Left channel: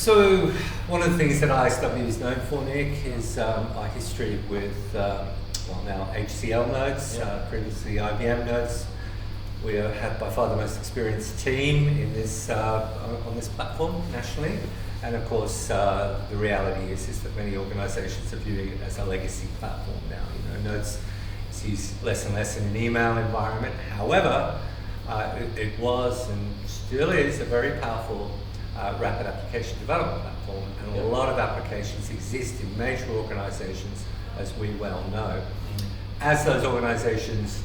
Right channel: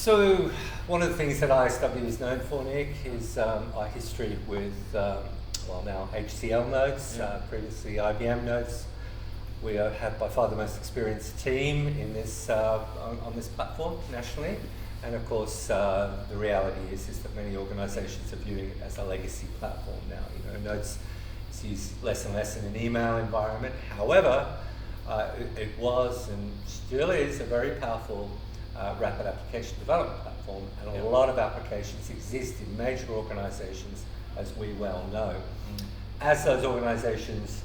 So one of the things that ISW is known for, Nick, is our history with, now HCL nodes, previously IBM nodes. We have by far the most experienced team in this on this platform nationally, and of course the reality is that many organisations are viewing it as a legacy platform now. Nodes is used less and less in an email environment. However, it was and still is a very powerful rapid application development platform, and a lot of applications exist in major organisations, as we well know. As those organisations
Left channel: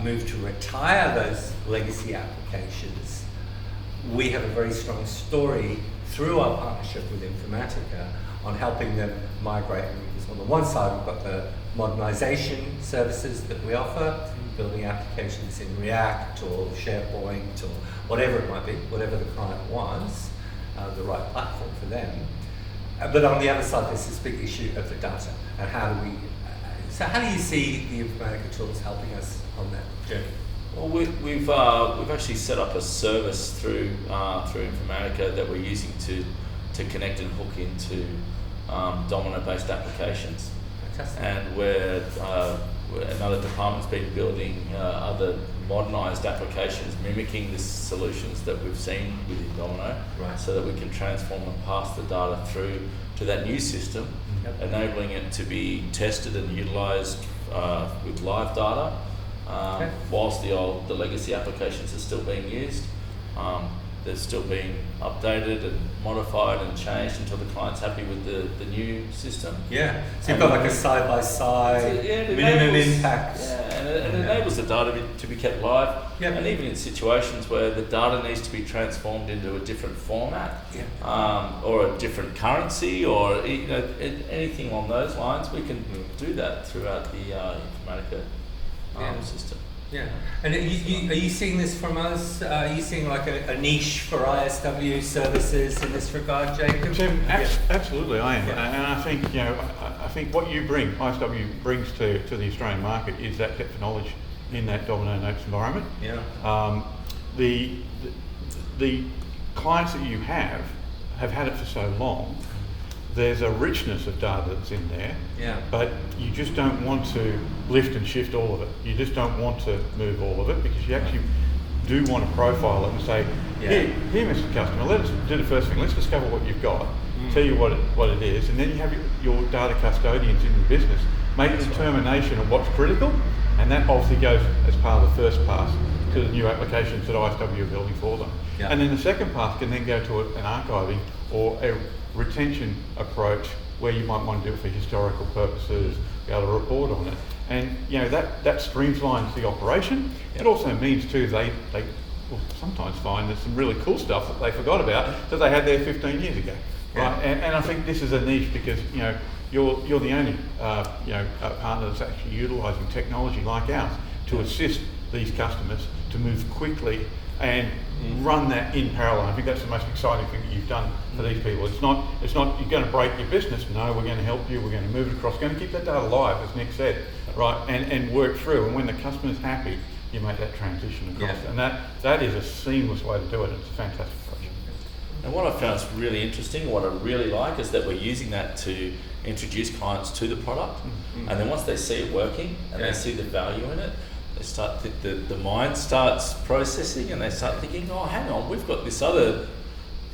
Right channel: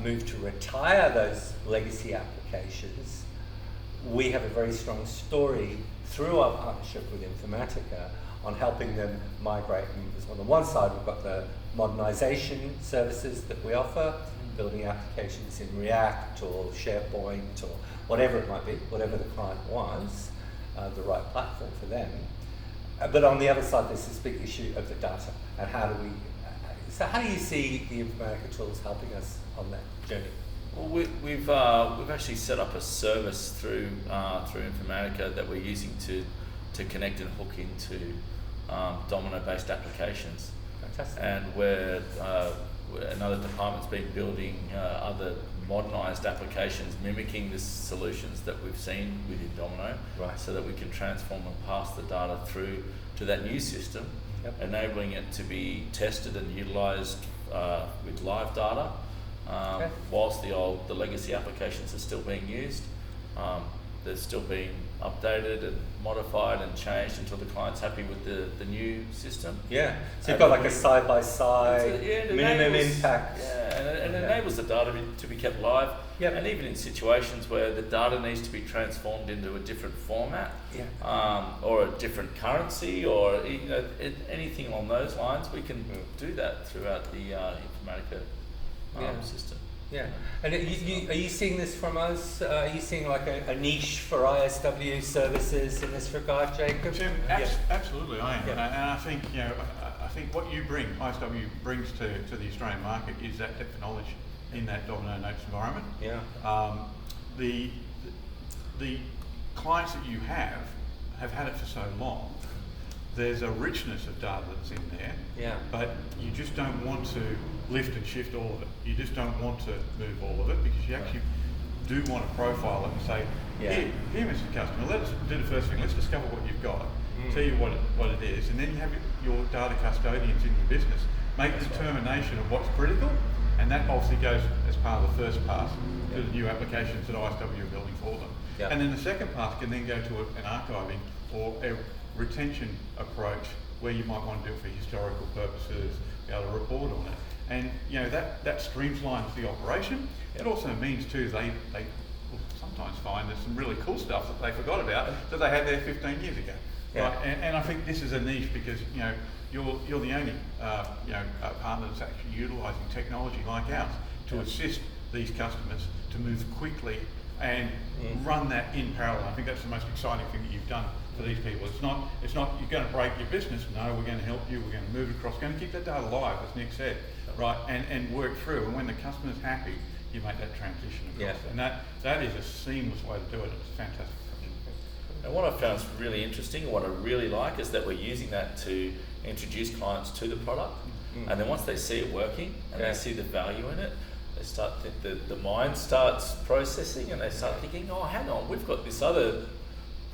move to retire those legacy applications, we have a very strong story through our partnership with Informatica on helping them migrate. Because on the one side, we've got the modernization services that we offer, building applications in React or SharePoint or whatever it might be, whatever the client wants, the right platform for them. But on the other side, there's this big issue of the data, and how do you see the Informatica tools helping us on that journey? Well, we've actually set up a service through Informatica that we're using to connect and hook into Domino-based applications. Fantastic. And where another department's been building other modernised applications mimicking the solutions that we've seen within Domino, so that we can transform and pass the data through to that new system, enabling it to be tested and utilised with live data, whilst the legacy applications are still being used. They're still being updated and modified and changed until the client's happy with the new system. Yeah, so you've got like a side-by-side, minimum impact. Yeah, and it enables the data to be kept live. Yep. And even in situations where the data needs to be transformed into a different format, or a different currency, or anything along those lines, we can do that throughout the Informatica system. Yeah, and are you seeing this from us? Are you seeing like a niche for ISW services in this regard, Jacob? Absolutely, I am, and I think I think what you bring, ISW brings to the Australian market is that depth of knowledge in that Domino Notes environment. Yeah. The clients that you have had it for so long. There's a richness of data that's in there, but you just don't want to lift and shift all of it. You just don't want to move all of it, because you actually do want to profile it and say, here, Mr. Customer, let's do the first thing. Let's discover what you've got, tell you what it is, and then you have your data custodians in the business make a determination of what's critical, and that obviously goes as part of the first pass to the new applications that ISW are building for them. Yeah. And then the second pass can then go to an archiving or a retention approach where you might want to do it for historical purposes, be able to report on it. And that streamlines the operation. It also means too they will sometimes find there's some really cool stuff that they forgot about that they had there 15 years ago. Right? And I think this is a niche because you're the only partner that's actually utilising technology like ours to assist these customers to move quickly and run that in parallel. I think that's the most exciting thing that you've done for these people. It's not you're going to break your business. No, we're going to help you. We're going to move it across. We're going to keep that data live, as Nick said, right? And work through. And when the customer's happy, you make that transition across. And that is a seamless way to do it. It's a fantastic project. And what I found really interesting, what I really like, is that we're using that to introduce clients to the product, and then once they see it working and they see the value in it, they start the mind starts processing, and they start thinking, oh, hang on, we've got this other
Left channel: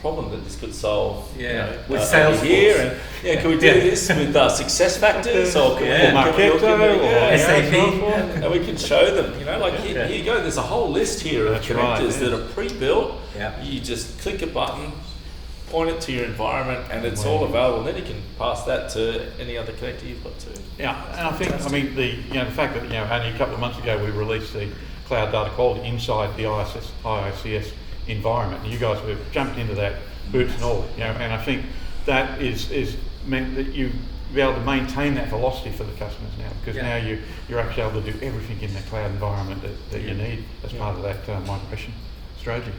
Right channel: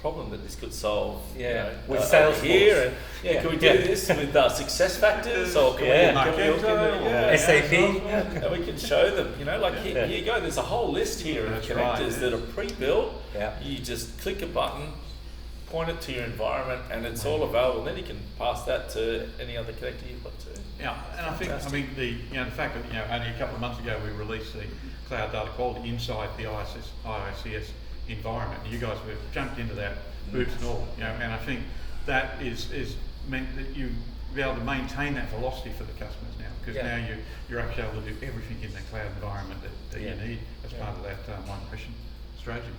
problem that this could solve. With Salesforce here, and can we do this with success factors, or can we SAP, and we can show them. Here you go. There's a whole list here of connectors that are pre-built. You just click a button, point it to your environment, and it's all available. And then you can pass that to any other connector you've got to. Yeah, and I think the fact that only a couple of months ago we released the cloud data quality inside the IICS environment, and you guys have jumped into that boots and all. And I think that is meant that you be able to maintain that velocity for the customers now, because now you're actually able to do everything in the cloud environment that you need as part of that migration strategy.